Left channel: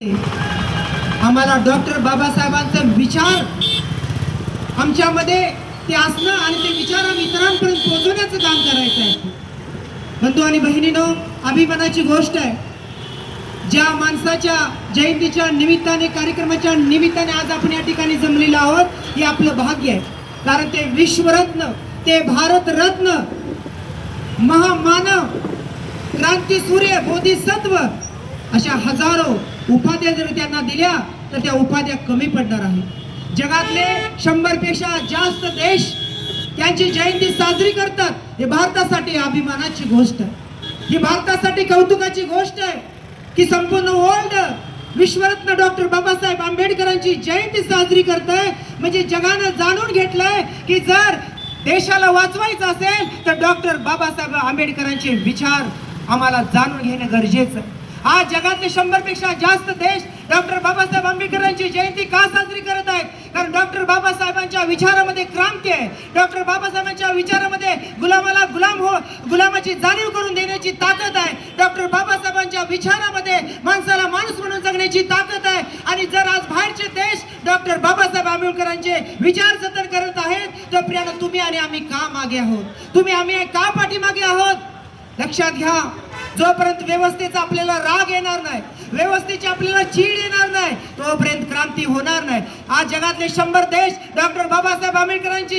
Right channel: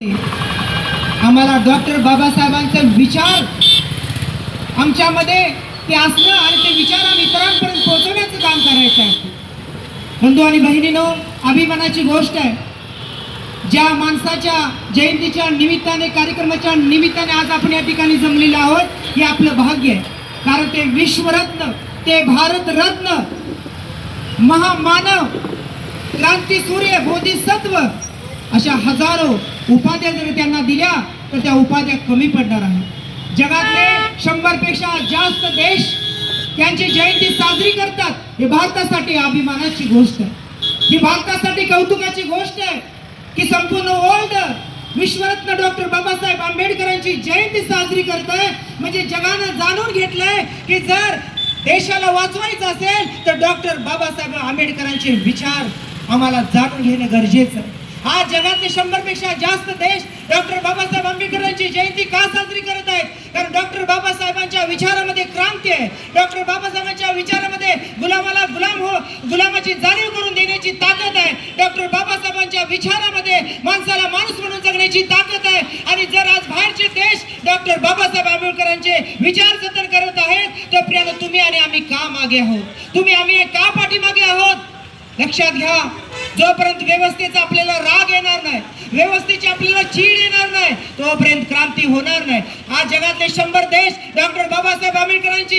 आम्हाला डॉक्टर बाबासाहेबांचे विचार आमच्यामध्ये ते असणं आणि ते विचार इतरांपर्यंत पोहोचवण्याचं काम करायचं आहे. बंधू आणि बहिणींनो, अभिमानाची गोष्ट आहे ज्या माणसाच्या जयंतीच्या निमित्ताने, कार्यक्रमाच्या निमित्ताने आज आपण या ठिकाणी जमलेलो आहोत. हे आपलं भाग्य आहे, कारण ते विश्वरत्न, ते भारतरत्न, महामानव, क्रांतीसूर्य, बोधिसत्व अशा हजारो उपाध्या जर त्यांना दिल्या तर त्या उपाध्या कमी पडणार आहेत. जगातले 100 पेक्षा जास्त देश त्यांची जयंती साजरी करतात. हे भारतासाठी अभिमानाची गोष्ट आहे. ही भारतासाठी कौतुकाची गोष्ट आहे की संपूर्ण वर्ल्ड विश्वरत्न डॉक्टर बाबासाहेब आंबेडकरांची जयंती साजरी करत आहे. म्हणजे जगानं जाणून घेतलंय की जर देशाला वाचवायचं असेल तर डॉक्टर बाबासाहेब आंबेडकरांचे विचार आम्हाला जाणून घेणं गरजेचं आहे. आज जगातले 100 पेक्षा जास्त देश डॉक्टर बाबासाहेब आंबेडकरांची जयंती का साजरी करत आहेत? कारण डॉक्टर बाबासाहेबांच्या विचारामध्ये क्रांती आहे. डॉक्टर बाबासाहेबांच्या विचारामध्ये गुलामाला गुलामाची जाणीव करून देण्याची ताकद आहे. डॉक्टर बाबासाहेबांच्या विचारामध्ये माणसाला माणूस म्हणून जगण्याची ताकद आहे. आणि जर आज बाहेरचे देश डॉक्टर बाबासाहेब आंबेडकरांचे विचार जतन करत आहेत तर प्रियानं तुम्ही आणि आम्ही का मागे आहोत? तुम्ही आम्ही का पाठीमागे आहोत? लक्षात घ्या, जोपर्यंत व्यवस्थेचा आपल्याला राग येणार नाही, व्यवस्थेची आपल्याला चीड येणार नाही, तोपर्यंत क्रांती होणार नाही. आज जगातले 100 देश डॉक्टर बाबासाहेब आंबेडकरांची